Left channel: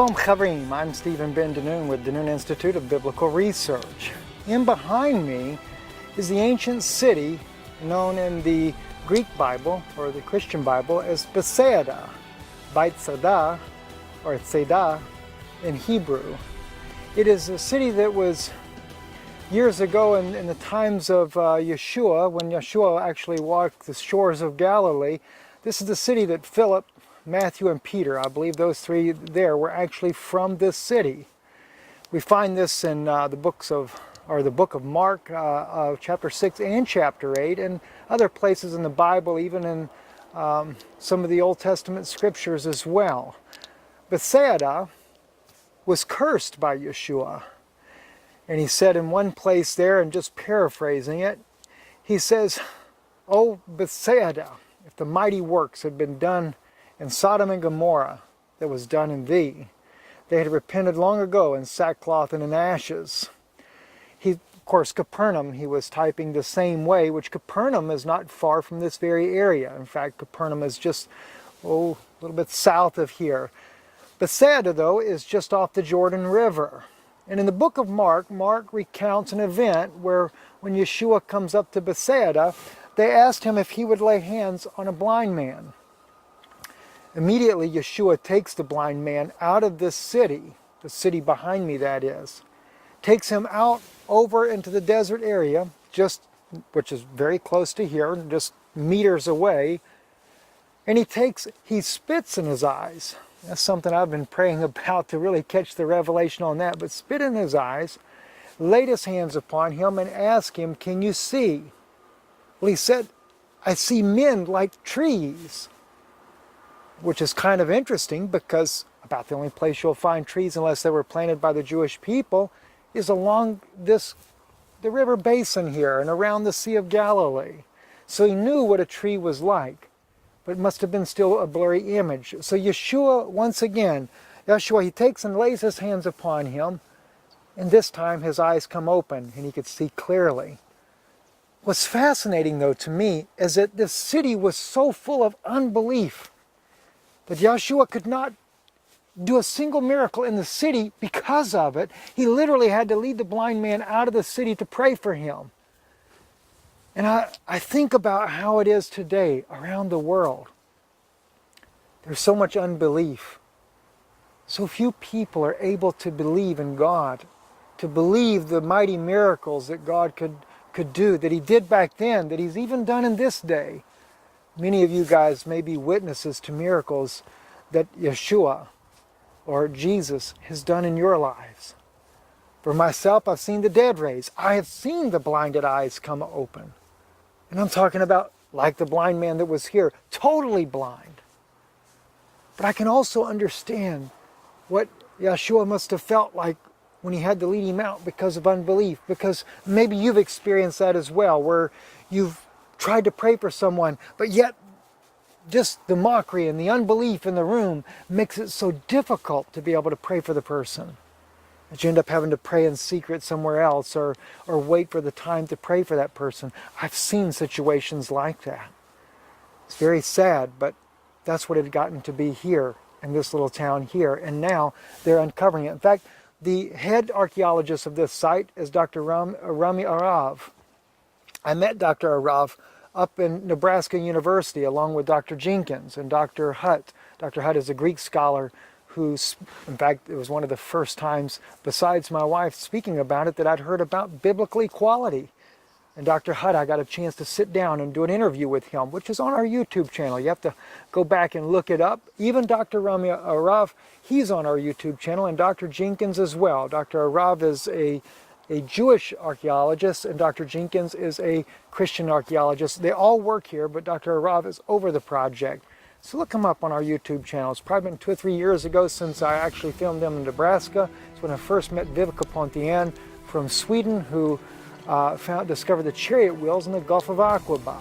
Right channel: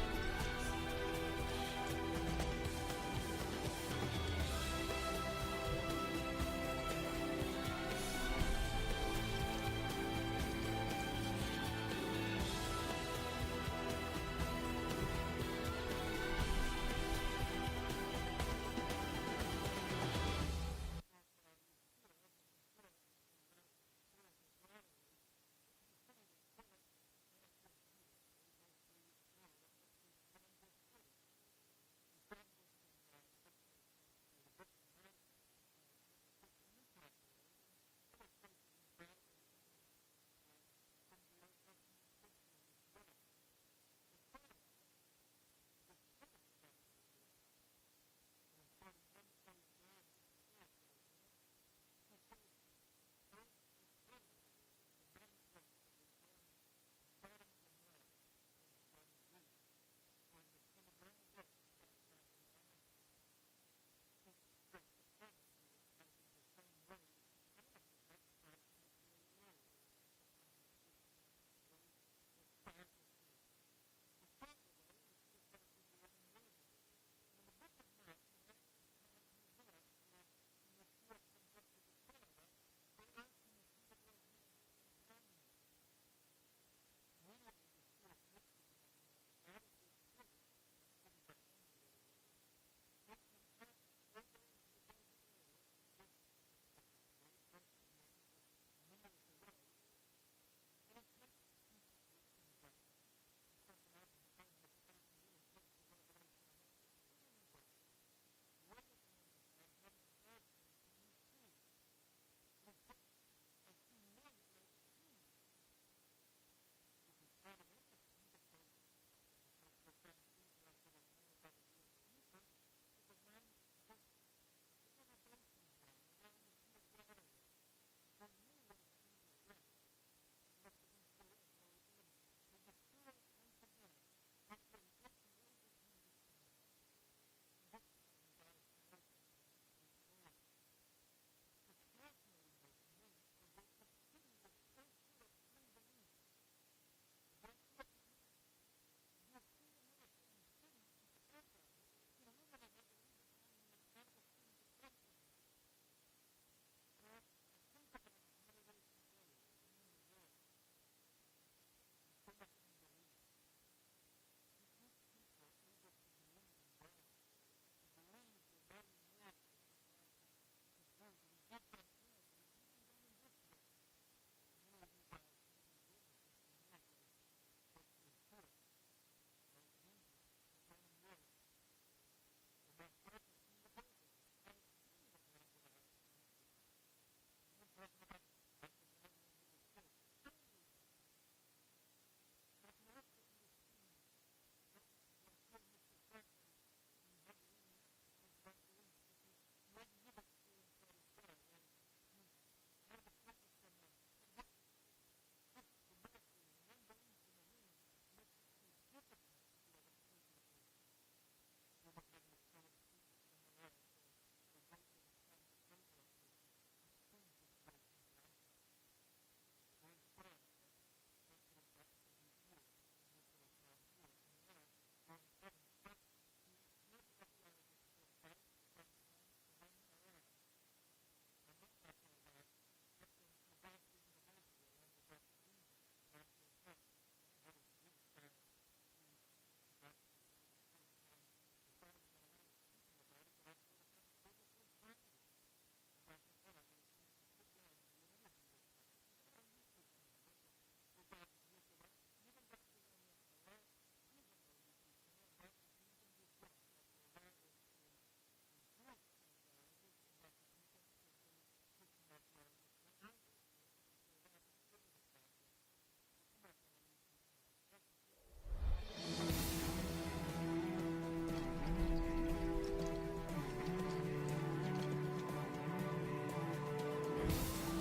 Shalom Chavrim, I'm Stephen Ben Danoon with Danoon Institute of Biblical Research. In behind me is the ancient city known in the Greek Bible, or the Christian Bible, as Bethesda, Bethesda, or Tzeda in Hebrew. It is a city that was years ago in the times of Yeshua, when Yeshua actually walked the shores of Galilee. This is the city that Philip, Matthew, and Peter, I believe those three there, were actually from this city. We find this in the book of Mark, chapter 6 and chapter 8, and other places in the Bible, even in some of the Old Testament scriptures as well. Bethesda was cursed by Yeshua. And he said in one place there, and just paraphrasing it, he says, "O Bethesda, if the mighty works had been done in Sodom and Gomorrah that was done in thee, they had repented long ago in sackcloth and in ashes." Of course, Capernaum, he was typing the same way, which Capernaum is not far from this very area. In fact, Capernaum is just, a little bit south of here. Bethesda, though, is just off the Jordan River. And in the book of Mark, Mark recounts an event where when Yeshua comes up to Bethesda, they asked him if he would lay hands on a blind man. Immediately, Yeshua takes the blind man out of this city, the city behind me that is, takes him out over into the desert area, which is very close to here, just meters away, and he spits in his eyes. That's something I've been praying about to really catch the revelation on that. But spit in his eyes, laid his hands upon him, and asked him, "Can you see?" Well, he said, "I see men like trees," which is kind of interesting because about the only place you'll find trees unless they were planted by the Jewish people is along the river basin here and around the Sea of Galilee. So he knew what a tree was like. But it must have been still a blurry image. So Yeshua, once again, he takes and lays his hands upon him, and this time his eyes come open and he could see clearly. What's fascinating, though, to me is that this city was so full of unbelief that Yeshua could not do a single miracle in the city because of it. He literally had to lead the blind man out of the city to pray for him. And I think about how it is today around the world. There's so much unbelief. So few people are able to believe in God, to believe the mighty miracles that God could do, that He did back then, that He's even done in this day. Many of you guys may be witnesses to miracles that Yeshua or Jesus has done in your lives. For myself, I've seen the dead raised. I have seen the blinded eyes come open. And I'm talking about like the blind man that was here, totally blind. But I can also understand what Yeshua must have felt like when he had to lead him out because of unbelief. Because maybe you've experienced that as well, where you've tried to pray for someone, but yet just the mockery and the unbelief in the room makes it so difficult to be able to pray for the person, that you end up having to pray in secret somewhere else or wait for the time to pray for that person. I've seen situations like that. It's very sad, but that's what it had gotten to be here in this little town here, and now they're uncovering it. In fact, the head archaeologist of this site is Dr. Rami Arav. I met Dr. Arav up in Nebraska University along with Dr. Jenkins and Dr. Hutt. Dr. Hutt is a Greek scholar who's, in fact, it was one of the first times, besides my wife speaking about it, that I'd heard about biblical equality. And Dr. Hutt, I got a chance to sit down and do an interview with him, which is on our YouTube channel. You have to go back and look it up. Even Dr. Rami Arav, he's on our YouTube channel, and Dr. Jenkins as well. Dr. Arav is a Jewish archaeologist, and Dr. Jenkins is a Christian archaeologist. They all work here, but Dr. Arav is over the project. So look them up on our YouTube channel. It's probably been 2 or 3 years ago since I actually filmed them in Nebraska. It's when I first met Vivica Pontian from Sweden, who discovered the chariot wheels in the Gulf of Aqaba.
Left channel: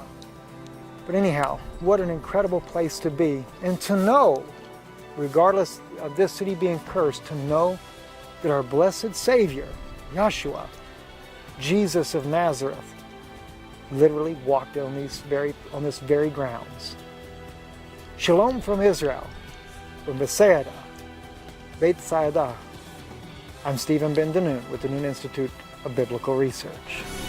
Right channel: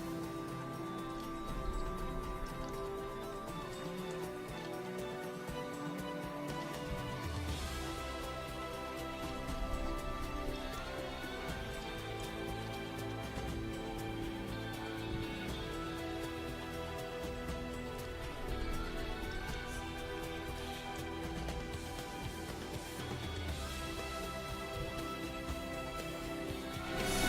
But anyhow, what an incredible place to be. And to know, regardless of this city being cursed, to know that our blessed Savior, Yeshua, Jesus of Nazareth, literally walked on this very grounds. Shalom from Israel, from Bethesda, Bethesda. I'm Stephen Ben with the Noon Institute of Biblical Research.